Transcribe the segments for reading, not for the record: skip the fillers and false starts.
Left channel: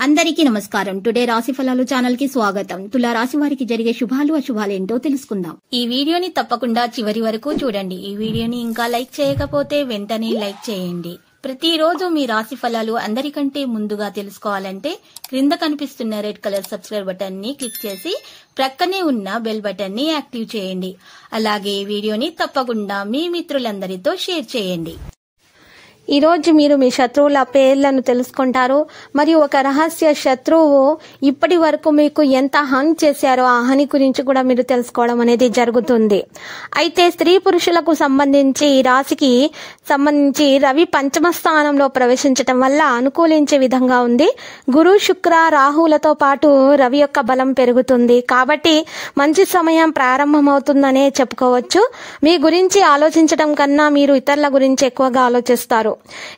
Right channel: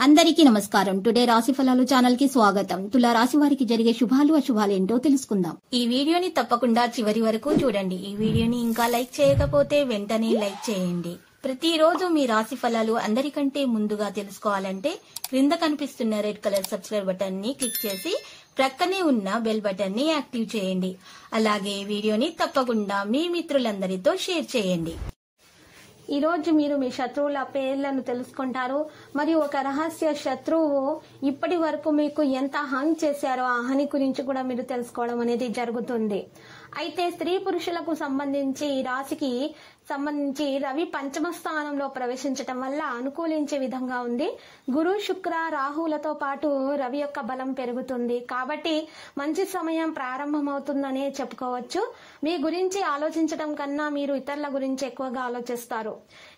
అందరికీ నమస్కారం. టుడే రాశి ఫలాలు ఛానల్ కి స్వాగతం. తులా రాశి వారికి జరిగే శుభాలు అశుభాలు ఏంటో తెలుసుకుందాం. ఈ వీడియోని తప్పకుండా చివరి వరకు చూడండి. ఈ వీడియోని ఇంకా లైక్ చేయకపోతే వెంటనే లైక్ చేయండి. ప్రతిరోజు మీ రాశి ఫలాలు అందరికంటే ముందుగా తెలుసుకోవాలంటే క్రింద కనిపిస్తున్న రెడ్ కలర్ సబ్స్క్రైబ్ బటన్ ని క్లిక్ చేసి ప్రక్కనే ఉన్న బెల్ బటన్ ని యాక్టివ్ చేయండి. అలాగే వీడియోని తప్పకుండా మీ మిత్రులందరితో షేర్ చేయండి. ఈ రోజు మీరు మీ శత్రువుల పేర్లను తెలుసుకుంటారు. మరియు ఒక రహస్య శత్రువు ఇప్పటి వరకు మీకు ఎంత హాని చేశారో ఆ హాని గురించి కూడా మీరు తెలుసుకోవడం అనేది జరుగుతుంది. అయితే స్త్రీ పురుషులకు సంబంధించి ఈ రాశికి సంబంధించి రవి పంచమ స్థానంలో ప్రవేశించటం వల్ల అనుకూలించే విధంగా ఉంది. గురు శుక్ర రాహులతో పాటు రవి యొక్క బలం పెరుగుతుంది. కాబట్టి మంచి సమయం ప్రారంభమవుతుందనే చెప్పుకోవచ్చు. మీ గురించి ఆలోచించడం కన్నా మీరు ఇతరుల గురించి ఎక్కువగా ఆలోచిస్తారు.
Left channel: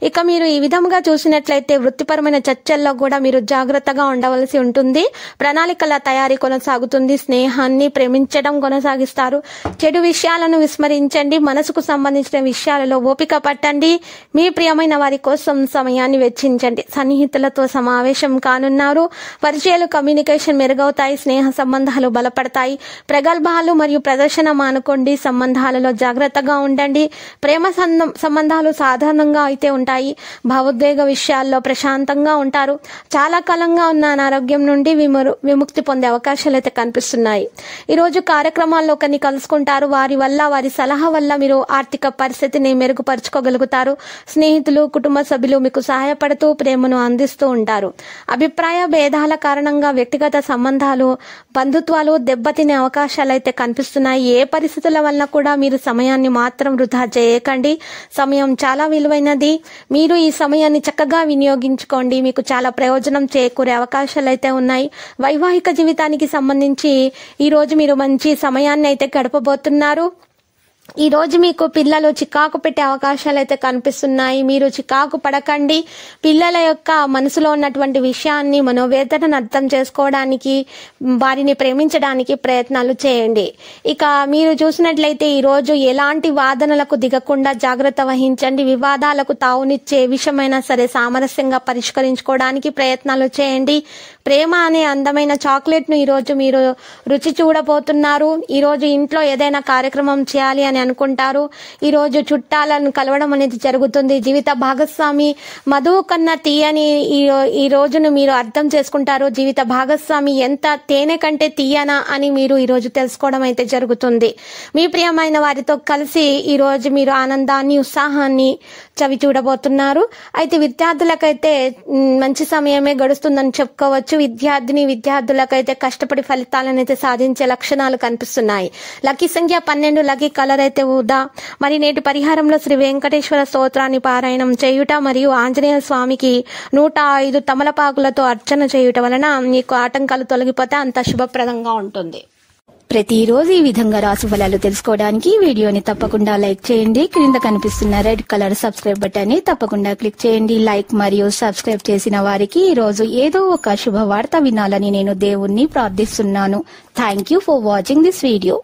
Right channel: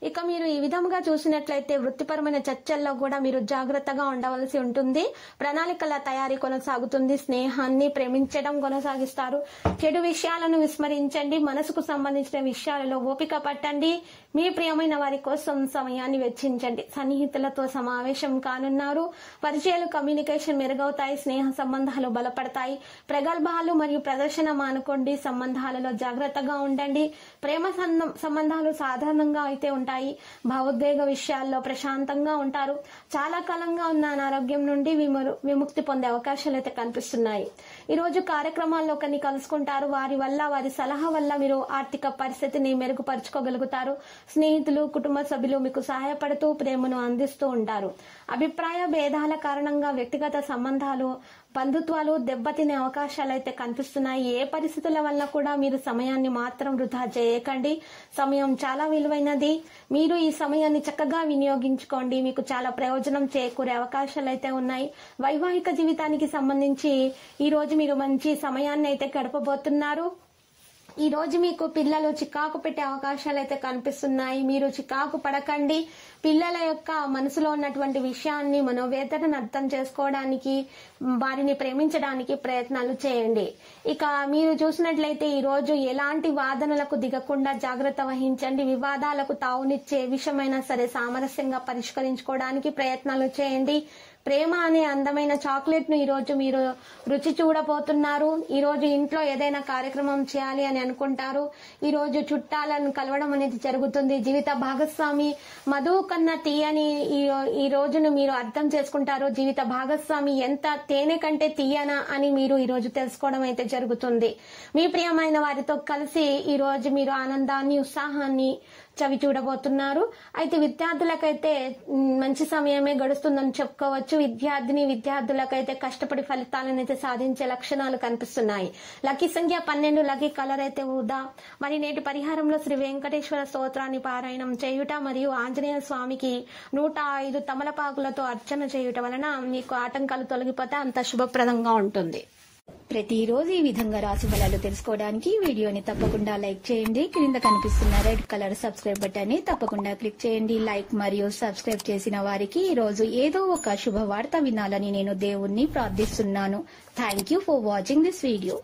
ఇక మీరు ఈ విధంగా చూసినట్లయితే వృత్తిపరమైన చర్చల్లో కూడా మీరు జాగ్రత్తగా ఉండవలసి ఉంటుంది. ప్రణాళికల తయారీ కొనసాగుతుంది. స్నేహాన్ని ప్రేమించడం కొనసాగిస్తారు. చెడు విషయాలను విస్మరించండి. మనసుకు సంబంధించిన విషయాలలో ఓపిక పట్టండి. మీ ప్రియమైన వారి కోసం సమయాన్ని వెచ్చించండి. సన్నిహితులతో సమావేశం కానున్నారు. పరిచయాలు కమ్యూనికేషన్ మెరుగవుతాయి. స్నేహ సంబంధాలు బలపడతాయి. ప్రగల్భాలు మరియు ప్రదర్శన మానుకోండి. సంబంధాలలో జాగ్రత్తగా ఉండండి. ప్రేమ సంబంధాలు సాధారణంగా అయితే ఉంటాయి. భావోద్వేగ విషయాల్లో ప్రశాంతంగా ఉంటారు. చాలా కాలంగా ఉన్న అనారోగ్యం నుండి విముక్తి పొందే అవకాశాలు అయితే కనిపిస్తున్నాయి. ఈరోజు కార్యక్రమాల్లో ఒకరిని కలుసుకుంటారు. వారి సలహా వల్ల మీరు ఆర్థిక పరిస్థితిని మెరుగుపరుచుకోగలుగుతారు. స్నేహితులు కుటుంబ సభ్యులు మీకు సహాయపడుతూ ప్రేమను అందిస్తూ ఉంటారు. అభిప్రాయ భేదాల కారణంగా వ్యక్తిగత సంబంధాలు బంధుత్వాలు దెబ్బతినే అవకాశాలు అయితే కనిపిస్తున్నాయి. ఏ పరిస్థితుల వల్ల కూడా మీరు సమయాన్ని మాత్రం వృధా చేయకండి. సమయం చాలా విలువైనది. మీరు ఈ సమయాన్ని చక్కగా వినియోగించుకోండి. మీకు చాలా ప్రయోజనం చేకూరే అవకాశాలు అయితే ఉన్నాయి. వైవాహిక జీవితానికి సంబంధించి ఈ రోజు మీరు మంచి సమయాన్ని అయితే గడపబోతున్నారు. ఈ రోజు మీకు పిల్లలు చికాకు పెట్టే అవకాశాలు అయితే కనిపిస్తున్నాయి. మీరు చికాకు పడకండి. పిల్లల యొక్క మనసులో ఉన్నటువంటి విషయాన్ని మనోవేదనను అర్థం చేసుకోవడానికి వారిని ప్రేమించడానికి ప్రయత్నాలు చేయండి. ఇక మీరు చూసినట్లయితే ఈ రోజు ఎలాంటి వాదనలకు దిగకుండా జాగ్రత్త వహించండి. వివాదాలకు తావునిచ్చే విషయమైనా సరే సామరస్యంగా పరిష్కరించుకోవడానికి ప్రయత్నాలు చేయండి. ప్రేమ అనే అందమైన చాక్లెట్ ను ఈరోజు మీరు రుచి చూడబోతున్నారు. ఈరోజు ఇంట్లో ఏదైనా కార్యక్రమం చేయాలి అని అనుకుంటారు. ఈరోజు చుట్టాలను కలవడం అనేది జరుగుతుంది. జీవిత భాగస్వామి మధువు కన్నా తీయని ఈ రోజును మీరు అర్థం చేసుకుంటారు. జీవిత భాగస్వామి ఎంత తేనె కంటే తీయనా అని మీరు ఈరోజు తెలుసుకోవడం అయితే జరుగుతుంది. మీ ప్రియమైన వారితో కలిసి ఈ రోజు మీరు ఆనందాన్ని ఉత్సాహాన్ని చవి చూడబోతున్నారు. అయితే విద్యార్థులకైతే మంచి సమయమే గడుస్తుందని చెప్పుకోవచ్చు. విద్యార్థులకైతే కష్టపడి ఫలితాలను అయితే సాధించే లక్షణాలు కనిపిస్తున్నాయి. లక్కీ సంఖ్య 12, లక్కీ కలర్ అయితే ఊదా. మరి నేటి పరిహారంలో శ్రీ వెంకటేశ్వర స్తోత్రాన్ని పారాయణం చేయుట మరియు ఆంజనేయ స్వామికి 105 తమలపాకులతో అర్చన చేయుట వలన మీకు ఆటంకాలు తొలగిపోతే అంత శుభప్రదంగా ఉంటుంది. ప్రతిరోజు ఈ విధంగా రాశి ఫలాలు తెలుసుకోవడానికి వీడియోని తప్పకుండా లైక్ చేయండి. క్రింద కనిపిస్తున్న రెడ్ కలర్ సబ్స్క్రైబ్ బటన్ ని తప్పకుండా క్లిక్ చేయండి. లైక్ మరియు సబ్స్క్రైబ్ చేసిన వారికి ఈ రోజు ఏదో ఒక శుభవార్త వినాలని నేను దేవుణ్ణి ప్రార్థిస్తున్నాను. Thank you for watching this video.